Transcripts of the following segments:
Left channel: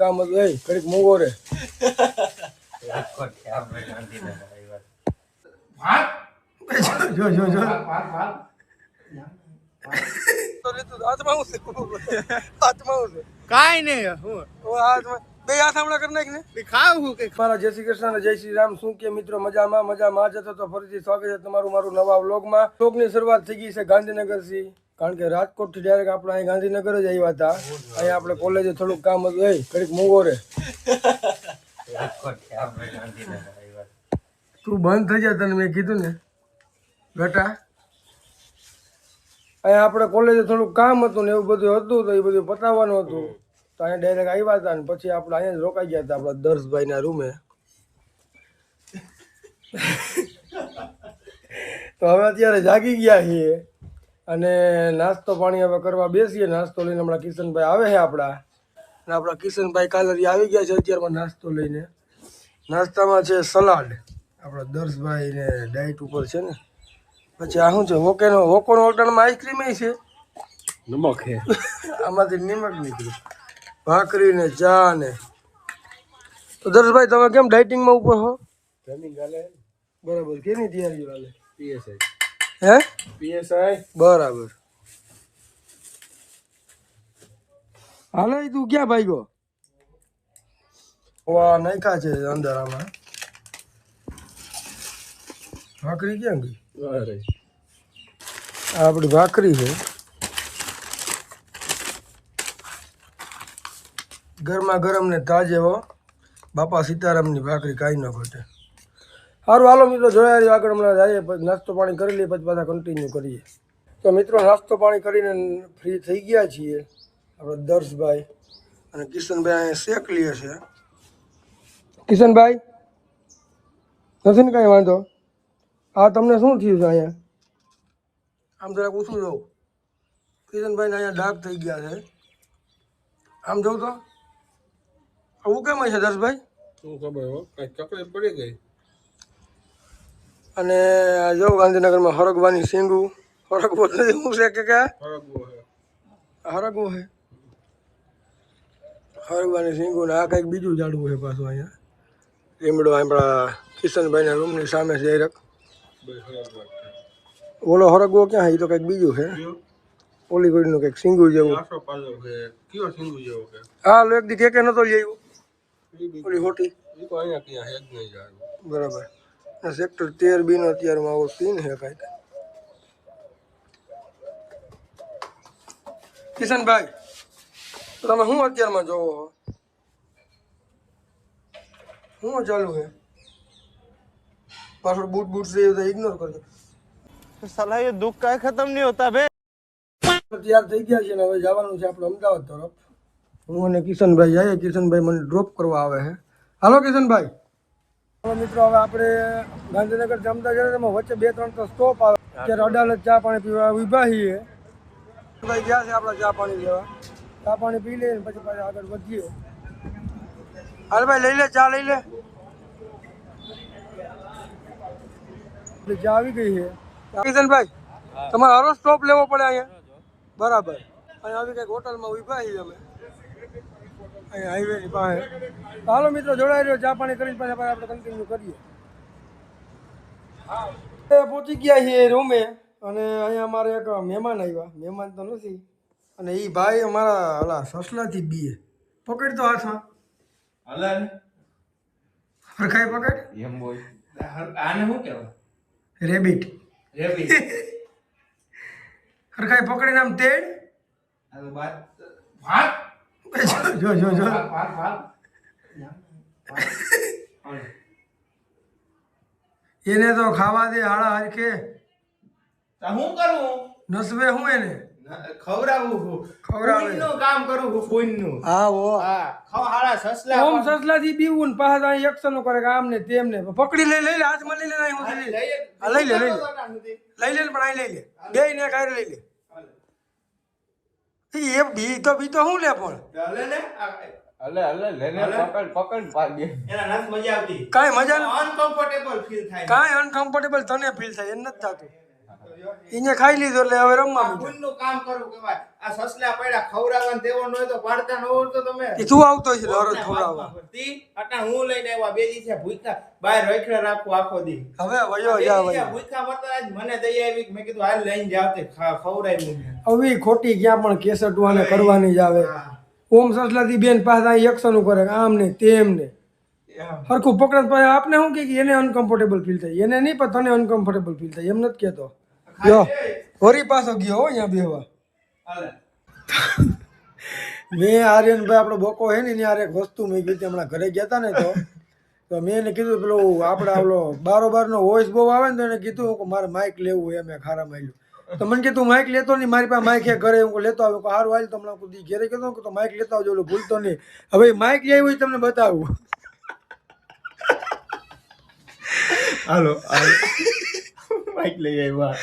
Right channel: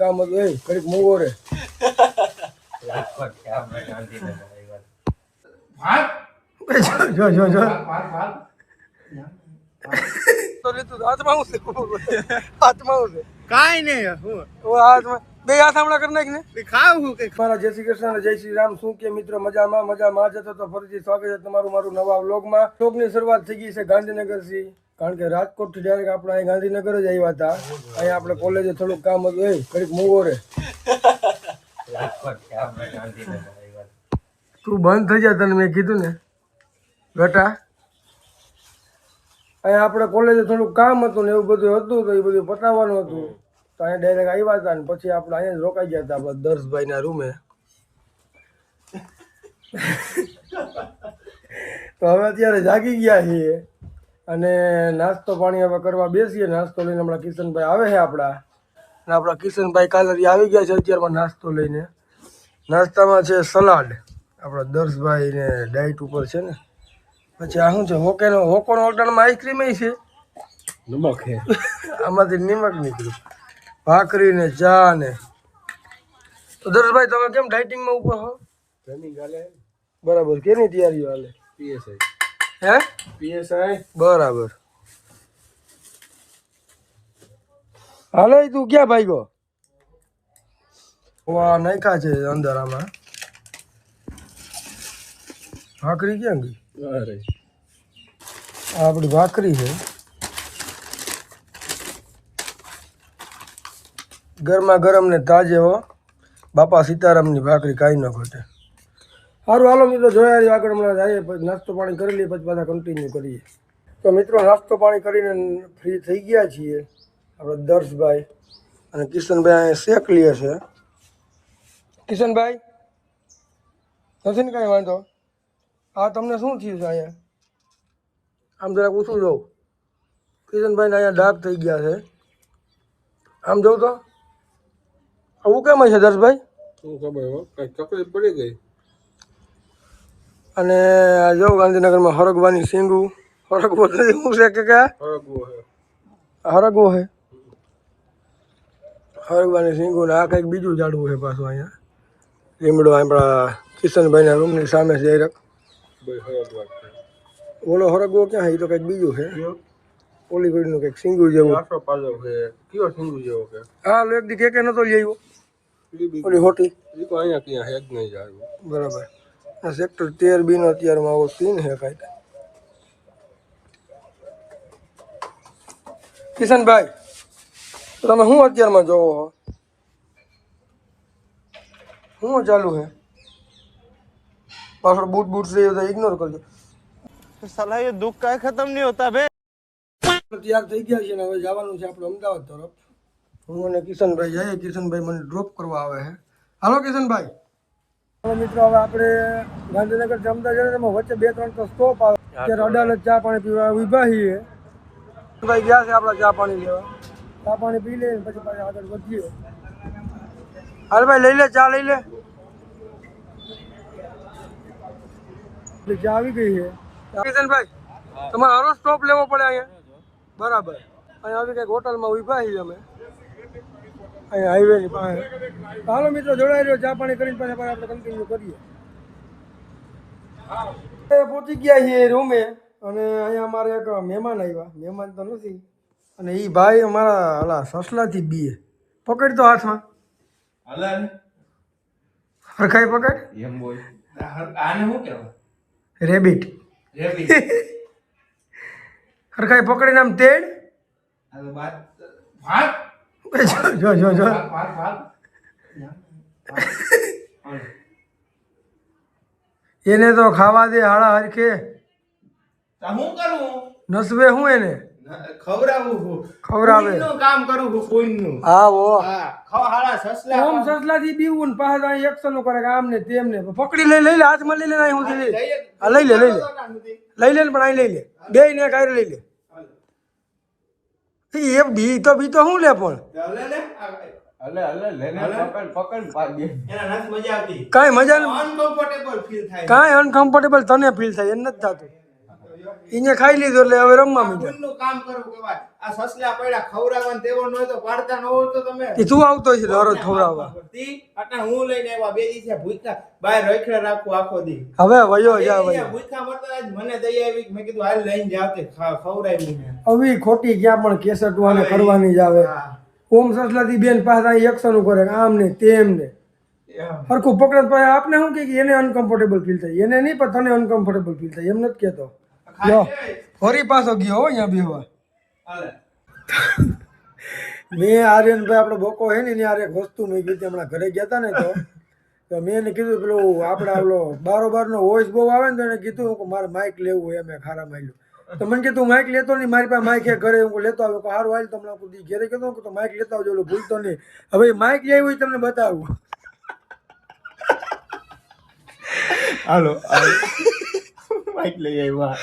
કામ હતું એ કડીક મોગો રે જો જો જો કાઈ નહીં બે હાથ હમણાં કરી નાખ ને ખાવું કે મારા જય શ્રી કૃષ્ણ અને જય શ્રી રામ. શું કે મિત્રો મજામાં જતો તો ફરીથી સ્વાગત છે તમારું મારું નવા વ્લોગમાં. વ્લોગની શરૂઆત થઈ ગઈ છે ગાંધીનગરથી, કારણ કે રાજકોટથી ડાયરેક્ટ આપણે અહીં ગાંધીનગર જ આવ્યા હતા. અહીંયા આપણે કોલેજે થોડુંક કામ હતું એ કડીક મોગો રે તું બંધ થઈ જાય, તને મેં કીધું ને બેટા. અહીંયા આપણે કોલેજે થોડુંક કામ હતું ને એવું બધું હતું, તો એ બધું પતાવવાનું હતું, તો અહીંયા ડાયરેક્ટ આવ્યા હતા. ને પછી આપણે અહીંયા જ રોકાઈ ગયા હતા આપણા દર્શભાઈના રૂમે. તો હવે અત્યારે જાગી ગયા છીએ અને નાસ્તો પાણી હવે કરવા બેસીએ. નાસ્તો લઈને હમણાં કિશનભાઈ આવે છે આપણા, અને આપણા કિશનભાઈ કાલરી આવી ગયા છે અત્યારમાં નાસ્તો લઈને. નાસ્તામાં છે સલાડ, આપણા દર્શભાઈ ને ડાયટ ઉપર છે ને. પછી આ શું છે હોકોનો ઓર્ડરમાં આઈસ્ક્રીમ છે, નમક હે આમાંથી નિમક નીકળ્યું, ભાખરી ને ચા ને. તો દર્શભાઈ તમે કેમ ડાયટિંગમાં ઉપર હો? રનિંગ હાલે બરાબર, કેની તૈયારીઓ હાલે? પીએસઆઈ હે પીએસઆઈ બરાબર. હાલે તું ક્યાં ભાગ્યો? વાહ નાખ્યા છે અંદર આમાં. ભાખરી ક્યાં ગઈ? અરે આ આપણી ભાખરી છે, ગરમા ગરમ ને તાજે હો. બાપા સીતારામની ભાખરી કાંઈ ન ઘટે. સારું હાલો મિત્રો, જોયા રહ્યો આગળ હમણાં જઈએ, પછી નાસ્તો પાણી કરી લઈએ, પછી પાછા કન્ટિન્યુ કરીએ. તો મિત્રો નાસ્તો પાણી કરીને ફ્રી થઈ ગયા છીએ આપણે દર્શભાઈ અને કિશનભાઈ. અહીંયા શેક લે છે. કિશનભાઈ નથી ને કાંઈ વાંધો? હા તમને શું થયું છે અહીંયા? આમ જરાક પૂછું જાઉં. કિશનભાઈને અહીંયા ડાઘ થઈ ગયા છે, આમ જોઉં તો. આવું કેમ છે દર્શભાઈ? શું ખબર હો, કઈ તકલીફ પડી ગઈ. અને જો ગાંધીનગરમાં હરગવાની સિંગું હરગવો નથી, શું છે કે હરગવો છે, હરગવાની સિંગું ને આ કંઈક બીજું ઝાડવું છે પાછું અહીંયા. લીમડો આપણા કિશનભાઈના રૂમની સામે છે. ઓલો હરગવો ક્યાં છે? એ તો કંઈક બીજું છે, ઓલી કોઈનું કંઈક સિંગું જેવું. કયો સિંગુ જેવો કે હા લો એક દી કે નતો લઈ આવ્યો ઓલી હોટી. એ તો અહીંયા ક્યાં હેજ નહીં જાય. બરાબર. સેક્ટર 13B નો અત્યારમાં આવો સીન છે કાંઈક. કિશનભાઈ તો તમે શું અત્યારમાં જોવો છો? શું ચાલુ છે? પાછળ બૂટ છે એ બધા ઇગ્નોર કરજો. साला ये दुख का खत्म नहीं होता बे. તૈયાર થઈ ગયા છે ને હવે જવાનું છે આપણે અમદાવાદ તરફ. હું અને કિશનભાઈ જઈએ. કિશનભાઈ મને ડ્રોપ કરવા આવે છે. હાલો કિશનભાઈ. હવે મિત્રો હવે આપણે ગાંધીનગર જમતા જઈએ, એમાં વચ્ચે 2-3 તો સ્ટોપ આવે. અત્યારે અડાલત ચા પાણી પીવા ઊભા છીએ. ભાઈ ગયા છે આપણા ચા પાણી લેવા. ચા પાણી પી લઈએ પછી પાછા આગળ વધીએ. હાલ ભાઈ લઈ લે ચા, લઈ લે. ચા આવી ગઈ છે. કિશનભાઈ તમારે હરો સ્ટોપ લેવો પડે અહીંયા. બરાબર. અહીંયા આવી કંઈક હોટલમાં ઊભા છીએ અમે, અહીંયા હાઈવેની પાસે. હાલો મિત્રો જોડાઈ રહ્યો, ચા પાણી કરીને પાછા આપણે કન્ટિન્યુ કરીએ. પહોંચી ગયા છીએ રૂમે અને અહીંયા અમારે એક મહેમાન આવ્યા. મહેમાન તો નથી, અને એ ભાઈ અમારા ઓલા સસલાથી બીએ. પકડ તો હાથમાં હરખાઈ પકડ. એમ બોલ આને શું કહેવાય? રેબિટ. હરખાઈ પકડીને આમ તેડ. જો જો જો એને તો ખાવા દે હાડા હરખે. શું કરું? નસવે હું એને ખવડાવે કામ કરું હું કોઈનું. હા વો ખાવા સસલા ઓમ સસલાથી બીવું ને પાછા અહીં એક્શન કરે કે આમ ને તેમ ને. પકડી લઈ લઈ લે, હાથમાં લઈ લે. હું હા લઈ લે લઈ લે લઈ લે પણ અહીં લઈ લે. બે ને કાંઈ લઈ લે. એ બી તો શું લે પણ કાંઈ મજા અનકમ્ફર્ટેબલ ફીલ થાય. કાંઈ અનકમ્ફર્ટેબલ તને ફીલ થાય, એ નથી થતું. એને ખાઈ લીધું એટલે હવે રમવા આ માંડ્યા. પુણ્યનું કામ કરવું કહેવાય. આ સસલા પડ્યા ખવડાવવાનું તેવો ન હોય તો પાડતા ન હોય તો તમે એ તું આવતો હશે દરરોજ ખવડાવવા. તી અટાણ હું લઈને આવ્યા બે દી છે ભૂખ્યા બહાર રખડે રાખું આખો દી હવે વયો જા બે દી વયો. ભૂખ્યા મરતા આજ મને દઈ આવી મેં કીધું હાલ લઈને જાવ તે ખવડાવ્યું મેં. હવે ખોટી ક્યાં પણ કેસટવાને કરવાની જ આવે. હા. ઓમ સસલાથી બેન પાસે અહીં એક્શન કરે આમ ને તેમ ને હરખું પકડે તો આપને શું કે એને અનકમ્ફર્ટેબલ ફીલ થાય, એને નહીં પણ તને અનકમ્ફર્ટેબલ ફીલ થાય એમ નથી કહેતો. લ્યો ફરી પાછો ગયો હો અહીંયા બેહવા. હાલે. મેં આર્યનભાઈ આપણો બોકો હે ને એની હારે એક વસ્તુ મેં કીધી હમણાં ઘરે ગયા હતા ને તો મેં એને કીધું પેલું આપણે આવલો બારોબારનો વોઇસ બહુ આવે ને તો એને કીધું કે મારે માઇક લેવું હોય મેં ખારા માર્યું તો મને કે તું માઇક લેતો નહીં, મારી પાસે માઇક હે ઘરે હું લેતો આવ્યો કે સારું હાલ તમને કુદી ઘરે કીધું કે તો માઇક લેતા આવજો ઓલું ભૂલતો નહીં. હવે માઇક લઈ હોય તમને બતાવું. હાલો માઈક લઈ આવ્યા.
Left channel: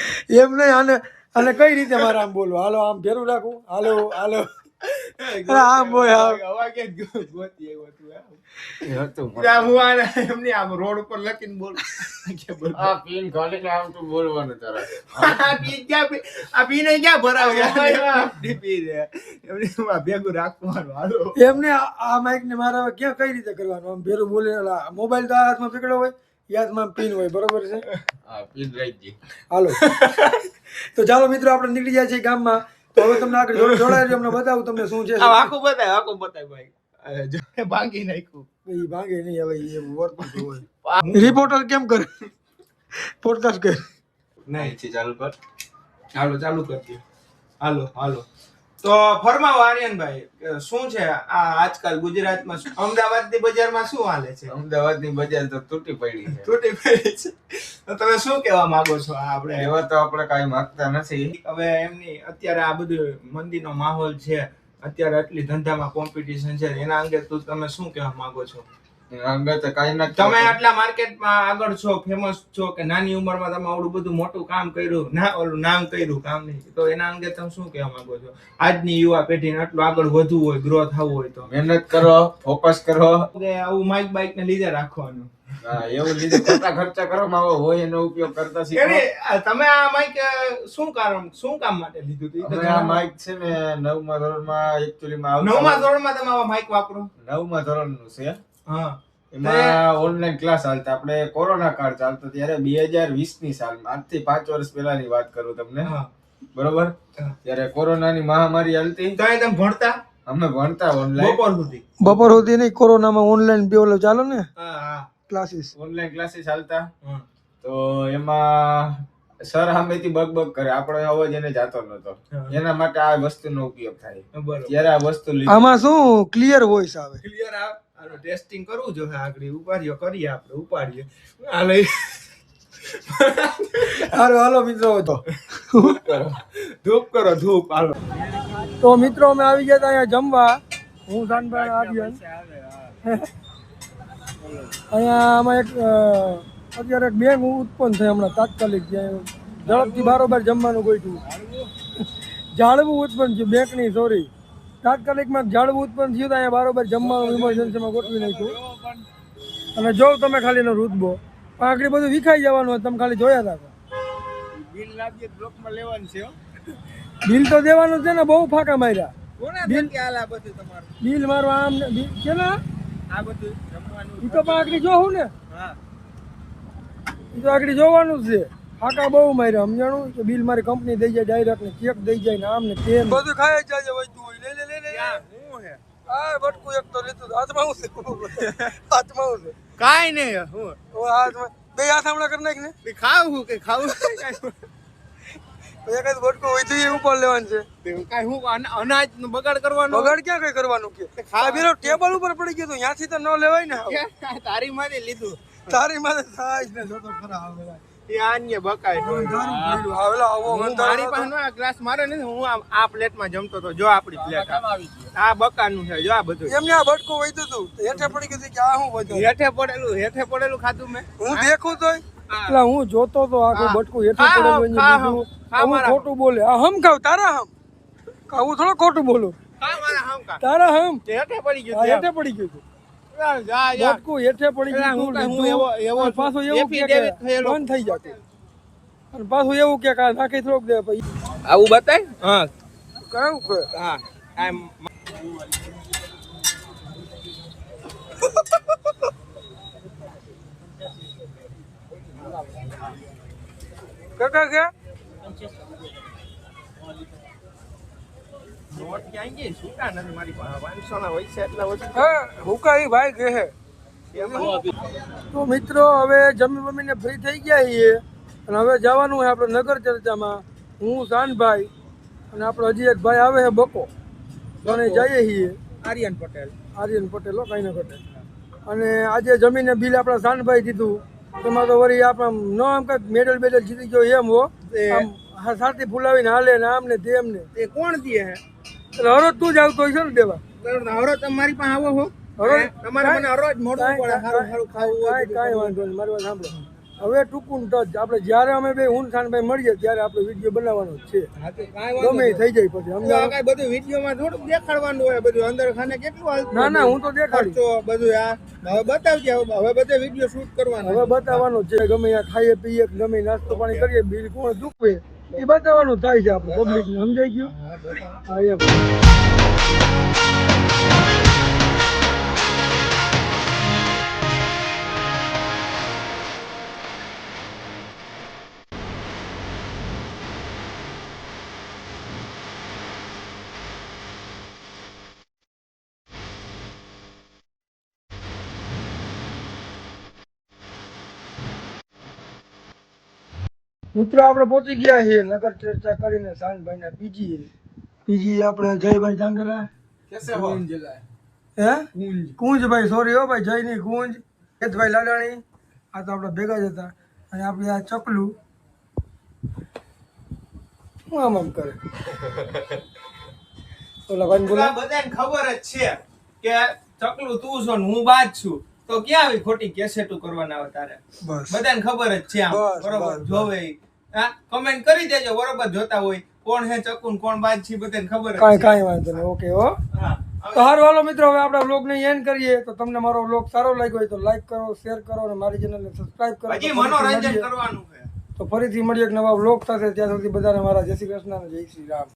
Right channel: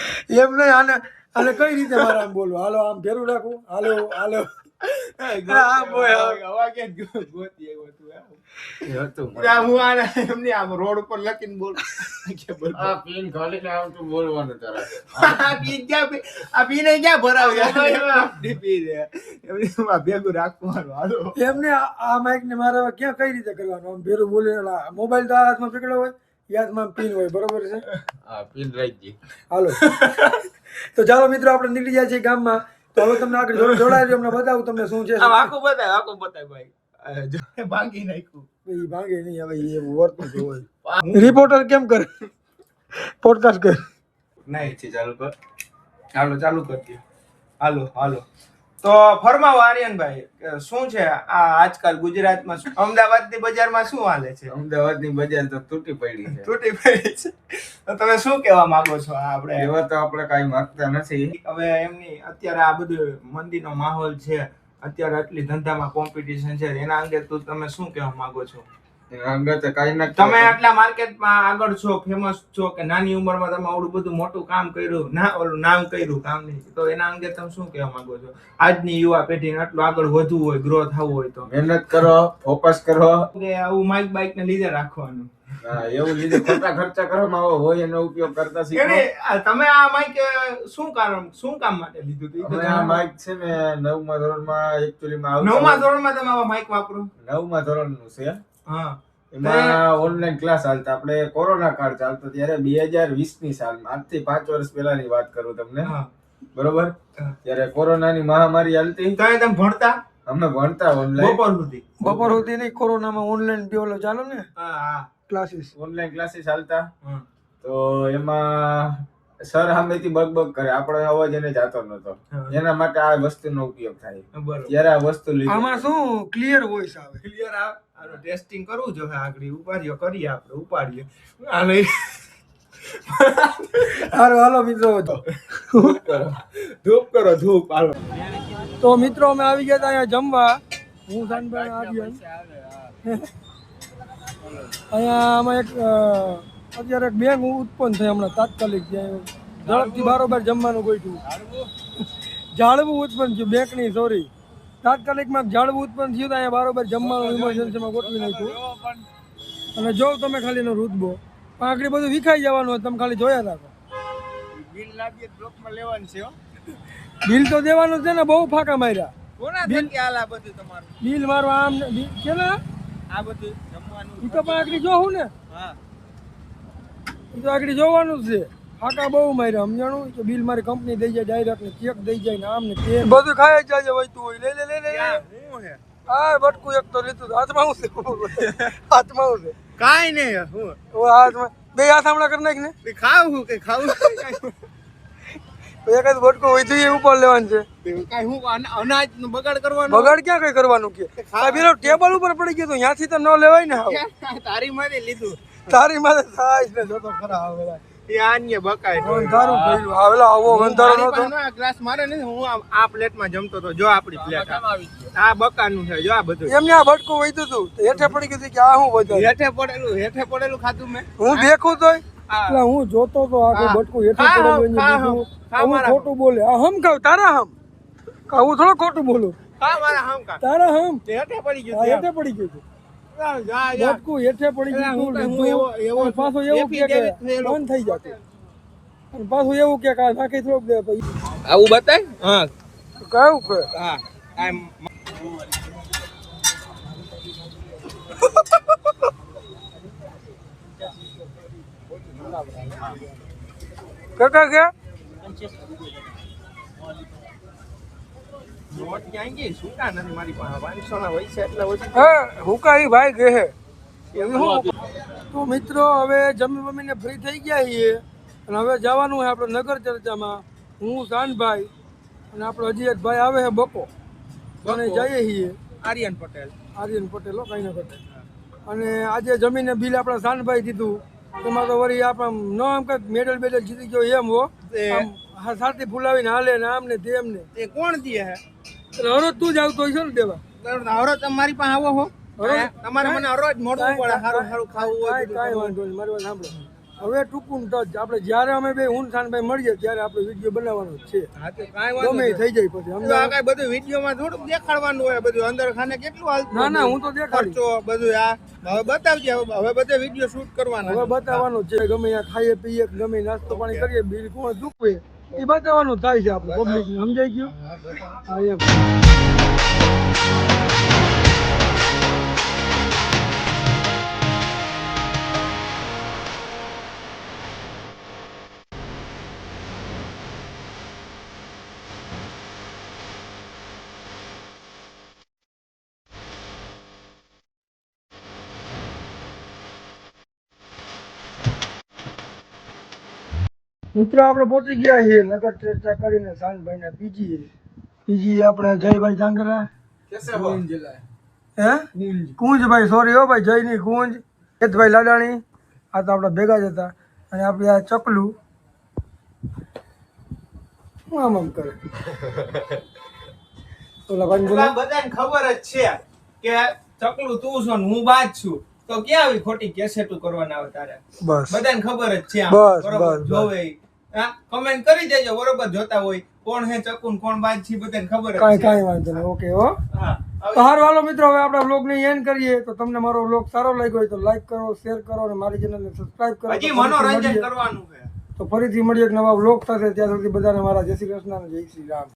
એમ નહીં આને અને કઈ રીતે મારે આમ બોલવું, હાલો આમ ભેરું રાખું, હાલો હાલો આમ હોય આમ. અવાજ જ ગોતી આવ્યો તું આમ. આ હું આને એમની આમ રોડ ઉપર લખીને બોલ કે બોલ આ પીન ખોલીને આવતું બોલવાનું તારે. આ પી ક્યાં પી આ પીને ક્યાં ભરાવ્યા ડીપી રે એમની માં ભેગું રાખવાનું. હાલો એમને આ માઇક ને મારા ક્યાં કઈ રીતે કરવાનું, આમ ભેરું બોલે મોબાઈલ તો આ હાથમાં પકડ્યો હોય એ હાથમાં પીન હોય, બરોબર છે. આ પીન રહી ગઈ. હાલો તો ચાલો મિત્રો આપણે નીકળી જાય છે ગામમાં. તો હવે તમને આગળ જોડાય છે, અમને બતાવું તમને શું છે. આખું બતાય ભાઈ ભાંગી નાખ્યું. એ ભાંગે નહીં, હવે એ વર્તું જ હોય. રિપોર્ટર કેમ કરે પોડકાસ્ટ કરે નહીં છે ચાલુ કર. હાલો ચાલુ કરજો. હાલો હાલો તો ફરમાવો આર્યનભાઈ શું છે આ આજકાલ ગુજરાતમાં અમદાવાદની બજારમાં શું હાલે છે? અમદાવાદની બજાર તો તૂટી પડી છે. તૂટી પડી છે તો તમે શું કહેવા માંગો છો? આ આપણે એવા તો આપણે કાંઈ માંગતા નથી. હવે એમની અત્યારે આ બધું મંદીનો માહોલ છે, અત્યારે આટલી ધંધામાં કોમ્પિટિશન છે, એના અંગે તમે શું કહેવા માંગો છો? અંગત કાંઈ નથી. તમે આટલા માર્કેટમાં આગળ છો, ફેમસ છો કે નાની ઉંમરમાં તમે આવડું બધું મોટું કામ કર્યું, ના ઓલું નામ કર્યું કામ નહીં, તો એના અંગે તમે શું કહેવા માંગો છો? આજની યુવા પેઢીને આટલું આગળ વધવું હોય, ગ્રો થવું હોય તો મહેનત કરો, ફોકસ કરો. કે આવું માઇક બાઇક ને લીધે રાખવાનું. હા, એવું લીધે ખોટા ખર્ચા કરવામાં આવો હોય એનો ઉપયોગ કરતા શીખો. તમે આ માઇક શું કામ માટે લીધું હતું? અમે આ માઇક છે ને 9મા ધોરણમાં એકચ્યુઅલીમાં આવતા. 9મા ધોરણમાં તમે આવા માઇક વાપરો? 9મા ધોરણનું છે. હા. એમાં ઓનલાઈન ક્લાસ ચાલતા, આપણે કોરોના કાળ ચાલતો ત્યારે 2020ની સાલમાં, આજથી 5 વર્ષ પહેલાની વાત કરું તમને. બરોબર, ત્યારે કોરોનાની મહામારી હાલતી. તો તમે ભણતા? અમે ભણતા ઓનલાઈન બપોર સુધી નહીં, કોરોનામાં ઓનલાઈન બે ઓલો ચાલે ને ક્લાસીસ, ઓનલાઈન ક્લાસીસ ચાલતા. તો એમાં સર સામેથી બગ કરે, આપણો અવાજ એને જાતો નતો, એના માટે આ વસ્તુનો ઉપયોગ થાય. ત્યારે આ વસ્તુ લીધી. આમાં શું ક્લિયર વોઇસ આવે? ક્લિયર આવે. આનો ટેસ્ટિંગ કરવું જોઈએ. આગળ ઉપાડીઓ કરીએ, આપણે ઉપાડીએ. આ લઈ હાલો મિત્રો તો ધૂપ કરો ધૂપ. હાલો તો મિત્રો અમે આવી ગયા હતા અહીંયા જમવા. હું શાનભાઈ આર્યન. અહીંયા આમાં એક અત્યારે એક બેંક ઉત્પન્ન થઈ હમણાં તાત્કાલિક, જ્યાં ઝડપથી બારોબાર જમવાનું ગોઠવું. ઝાડવું ઉત્પન્ન થયું બેંકની, સોરી તાત્કાલિકમાં ઝાડવું ઉત્પન્ન થયું તો અહીંયા બારોબાર જમવાનું ઇમરજન્સીમાં ગોઠવી નાખ્યું. અને જો તમે ખાલી એનો રૂતબો પણ આગળ બધું વિખાઈ જવાનું હોય, તમે ખાલી જોયા રાખો. બિલ લાગીએ બ્લોકમાં લેવાનું છે. બિલ તો દેવાનું છે ને, બહુ ફાંકા માર્યા. બિલ હાલ આ બધું તમારું બિલ મારવા આમ છે ને, આ બધું જમવાનું એ તો પણ આગળ જોવું ને. હા, એ તો આગળ જોવાનું જ છે. ફાંકા બહુ માર્યા, સમજાણું કે બિલ મારી કંપની દઈ જાય ડાયરેક્ટ ને ચેક દઈ જાય ને આમ ને તેમ બધું ખાઈ જાય વસ્તુ હોય. લે હા બટકું એક તો લીધું. હાથમાં હું છે? હાથમાં હું છે? કાઈ નહીં. હું હાથમાં બે હાથ હમણાં કરી નાખ ને. ખાવું કે ખાવું એક જ બટકું હોય તો એ ઉપર લેવાનું છે. કાઈ હું અનાજ નો બગાડ કરવાનો? બગાડ ક્યાં કઈ કરવાનું કે પેલો ટેબલ ઉપર પડી ગયું, ત્યાંથી તો ન લેવાય ને. તારી માંથી લીધું. તારી માથે થાય ને જોતો ખરા આવેલા એ આન્ય બકાય અંધારું થયેલું આવેલા આવો મારી અંધારો પાસે ગ્લાસ મારે નથી. હું આ પ્લેટમાં જમતો હતો. જો આપણી પ્લેટ આ બકાનું છે. જો આ બધું એમને આ બટકું વૈતું હતું, હેઠે પડી ગયું કે આ શું બધું હેઠે પડેલું ખાધું મેં. હું દેખું તોય એટલે હું જોતો તો આખું બટકું હેઠે પડેલું એને લીધું. હું ખોટું બોલે આ હમ ખાવ તારા હમ હું થોડો ખોટું બોલું. તારા હમ હેઠે પડી હા હેઠે પડી ગયું છે. બટકું હેઠે પડી ગયું લીધું પાછું એવું કે બંધ થઈ જતું. અને પાછું એવું કે કા નાખી થોડુંક દે પછી આવું બતાય હા કયું કે હા આમ કાકા કે નોટ ક્યાં ગઈ છૂટા નથી મારી પાસે 500 ના હોય છે એટલે ઓછી હા હુકાઈ ભાઈ કે હે તો મિત્રો હવે જમી બમીને ફ્રી થઈ ગયા છીએ અને હવે જવાનું છે આપણે નગર ચર્ચામાં હું શાનભાઈ અને આપણો હજી એક ભાઈ આવે છે બકો અને જઈએ છીએ આર્યન પટેલ આર્યન પટેલ હો કઈ ન ઘટે અને આજે જમીને બિલ આપણા શાનભાઈ દીધું એમાં તો વળી આપણે ન આમ કંઈક મેડલ બેડલ જીતી ગયો એમ હો આમ સાથી ફૂલાવીને હાલે ને આમ ને તેમ ને એ કોણ દે હે એટલે હરોજ તું જ આવતો હોય છે ને દેવા હરો તમારી પાસે આવો હો હરોજ તમારે મને હરોજ મોડું પડે સારું સારું ખાવું હોય કાંઈ વાંધો નહીં મારી વાત સાંભળો હવે ટૂંકું ટચ આપણે જ્યારે અમે બે હું શાનભાઈ મળીએ ત્યારે આપણે વિડીયો બનાવવાનો જ છે હા તો કાંઈ વાંધો ગમે એ થઈ જાય પછી સમજાય કાંઈ બધું વિડીયોમાં થોડુંક દેખાડવાનું હોય બધું અંદર ખાને કેટલું હાલતું ના ના હું તો દેખાડી ખર્ચો બધું આ હવે બતાવજે હવે બધે વિડીયો શૂટ કરવાનો હવે બતાવવાનું છે ગમે ત્યાં ખાઈએ પીએ ગમે નાસ્તો પાણી કરીએ બિલ કોણ ચૂકવે એ બતાવવાનું થાય છે આપણે પબ્લિક સમજાઈ ગયું હા એમ મિત્રો આપણે પહોંચી ગયા છીએ નગર ચર્ચા કરીને શાનભાઈ ના પીજી આપણે જયભાઈ જાંગરા હે કુંજભાઈ સોરી હો ભાઈ જયની કુંજ કેતભાઈ લાડાણી આ તો આપણે ભેગા જ હતા અને આપણે આ ચકલું શું આમ કરે ઓલા ભાઈ બોલો બધાને ખબર જ છે કે ચકલું તું છો ને હું બાજ છું તો ક્યાં આવી ખોટી કેસેટું કરવાના આવે તારે બસ બધાને ખબર જ છે આમ. બસ, બરોબર બસ, જોવે હા કમેન્ટ કરી દેજો બરોબર જોતા હોય કોણ હે ચકુન કોણ બાજ છે બધાને ખબર જ છે કાંઈ વાંધો નહીં ઓકે હો હા તો હારું હાલો મિત્રો હવે આપણા વ્લોગને એન્ડ કરીએ તો તમને મારો વ્લોગ સારો લાગ્યો હોય તો લાઈક કરો શેર કરો અને મારી ચેનલને સબસ્ક્રાઇબ કરો હજી તો ફરીથી મનોરંજન મળીએ. કરવાનું છે તો ફરીથી મળીએ એક નવા વ્લોગ સાથે ત્યાં સુધી બધાને મારા જય શ્રી કૃષ્ણ અને જય શ્રી રામ.